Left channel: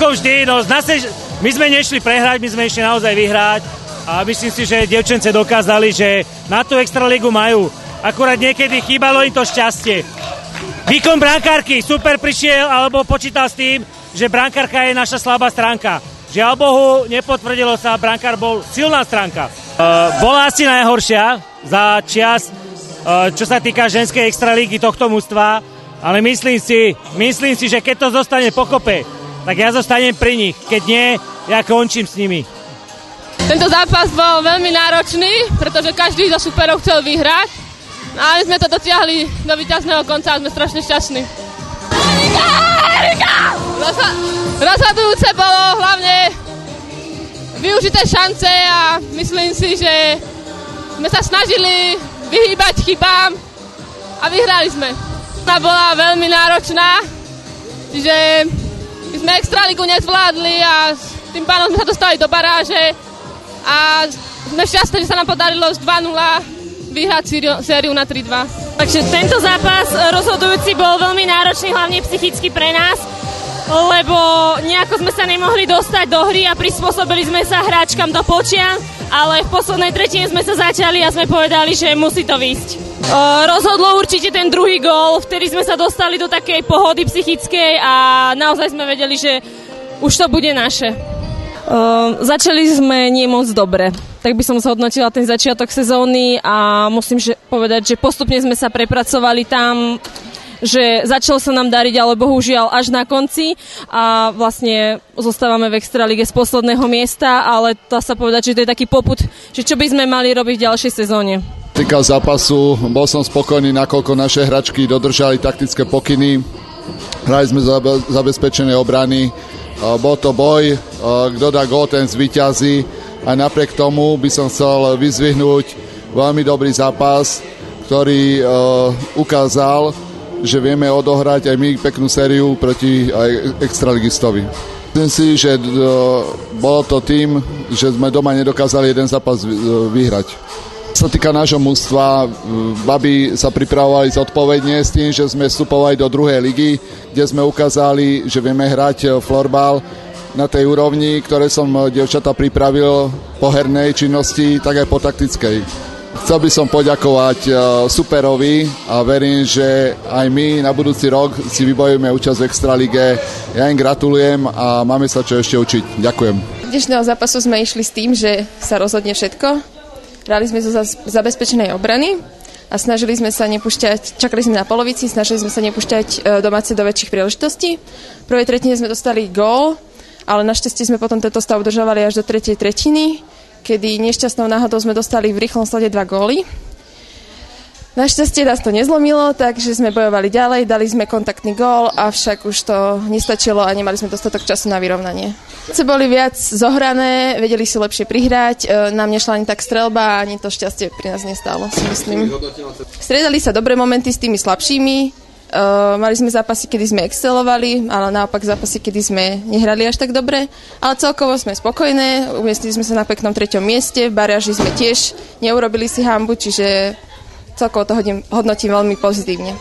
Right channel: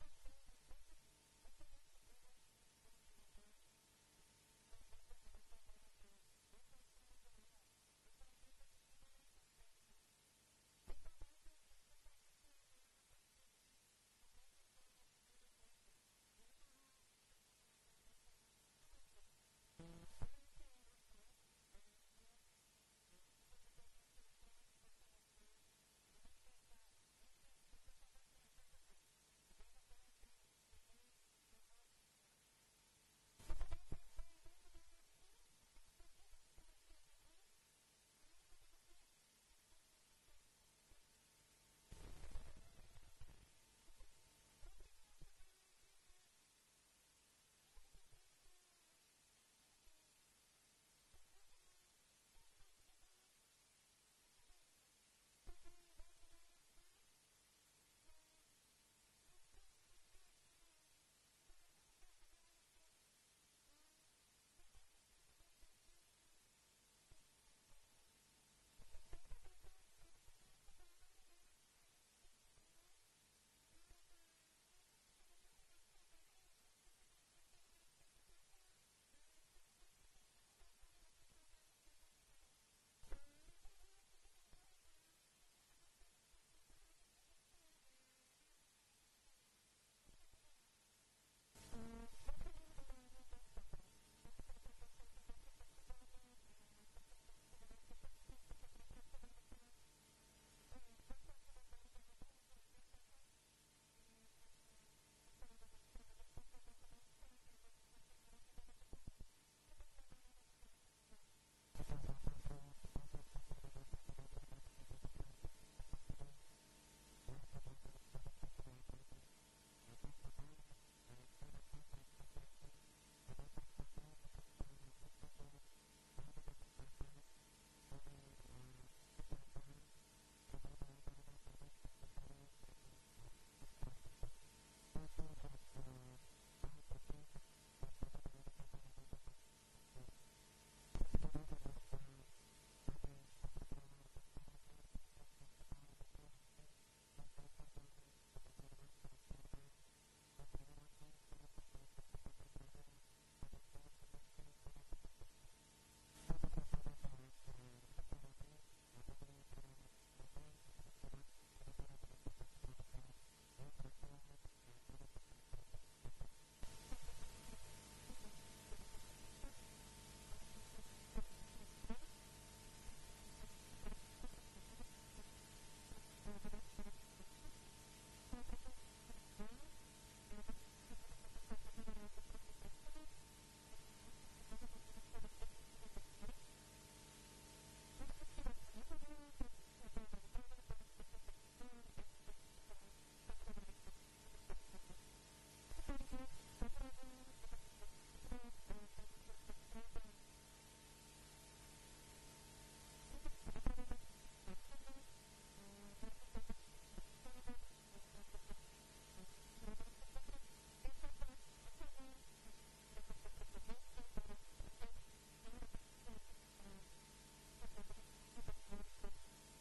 ako vždy, no my sme nešli prehrať, my sme išli naozaj vyhrať a myslím si, že dievčence dokázali, že na tú extraligu majú. Akurát niekedy chýbalo im to šťastie. Výkon brankárky super prišiel, alebo počítal s tým, že brankárka je naša slabá stránka. Žiaľ Bohu, nepotvrdilo sa, brankár bol silná stránka. Bola asi najhoršia za čias, čo sa týka ženskej extralígy tohto mužstva, ale myslím si, že keď to zostane pokope, tak ja zostanem pri nich. Keď nie, ja končím s nimi. Tento zápas bol veľmi náročný, pretože každý zo superov chcel vyhrať. A my sme to dotiahli do víťazného konca a sme strašne šťastní. Rozhodujúce bolo hlavne využité šance a myslím si, že sme sa snažili vyhýbať chybám a vyhrali sme. Tá bola veľmi náročná, čiže my sme extraligu nezvládli a tým pádom sme sa dostali do baráže a sme šťastní, že sa nám podarilo z 2-0 vyhrať sériu na 3-2. Takže tento zápas rozhodujúci bol veľmi náročný, hlavne psychicky pre nás, lebo nejako sme sa nemohli dostať do hry a prispôsobili sme sa hráčkam do počia, ale v poslednej tretine sme sa začali a sme povedali, že musí to výjsť. Rozhodlo určite ten druhý gól, vtedy sme sa dostali do takej pohody psychickej a naozaj sme vedeli, že už to bude naše. Začali sme nie moc dobre. Tak by som zhodnotila ten začiatok sezóny a musím povedať, že postupne sme sa prepracovali tam, že začalo sa nám dariť, ale bohužiaľ až na konci a vlastne zostávame v extralige z posledného miesta, ale dá sa povedať, že to je taký popud, že čo by sme mali robiť v ďalšej sezóne. Týka zápasu, bol som spokojný, nakoľko naše hračky dodržali taktické pokyny, hrali sme zabezpečené obrany, bol to boj, kto dá gól, ten zvíťazí a napriek tomu by som chcel vyzdvihnúť veľmi dobrý zápas, ktorý ukázal, že vieme odohrať aj my peknú sériu proti extraligistovi. Myslím si, že bolo to tým, že sme doma nedokázali jeden zápas vyhrať. Čo sa týka nášho mužstva, baby sa pripravovali zodpovedne s tým, že sme vstupovali do druhej ligy, kde sme ukázali, že vieme hrať florbal na tej úrovni, ktoré som dievčatá pripravil po hernej činnosti, tak aj po taktickej. Chcel by som poďakovať superovi a verím, že aj my na budúci rok si vybojujeme účasť v extralige. Ja im gratulujem a máme sa čo ešte učiť. Ďakujem. Dnešného zápasu sme išli s tým, že sa rozhodne všetko. Hrali sme zo zabezpečenej obrany a snažili sme sa nepúšťať, čakali sme na polovici, snažili sme sa nepúšťať domáce do väčších príležitostí. V prvej tretine sme dostali gól, ale našťastie sme potom tento stav udržovali až do tretej tretiny, kedy nešťastnou náhodou sme dostali v rýchlom slede 2 góly. Našťastie nás to nezlomilo, takže sme bojovali ďalej, dali sme kontaktný gól, avšak už to nestačilo a nemali sme dostatok času na vyrovnanie. Boli viac zohrané, vedeli si lepšie prihrať, nám nešla ani tak streľba, ani to šťastie pri nás nestálo, si myslím. Striedali sa dobré momenty s tými slabšími, mali sme zápasy, kedy sme excelovali, ale naopak zápasy, kedy sme nehrali až tak dobre, ale celkovo sme spokojné, umiestnili sme sa na peknom 3. mieste, v baráži sme tiež neurobili si hanbu, čiže celkovo to hodnotím veľmi pozitívne.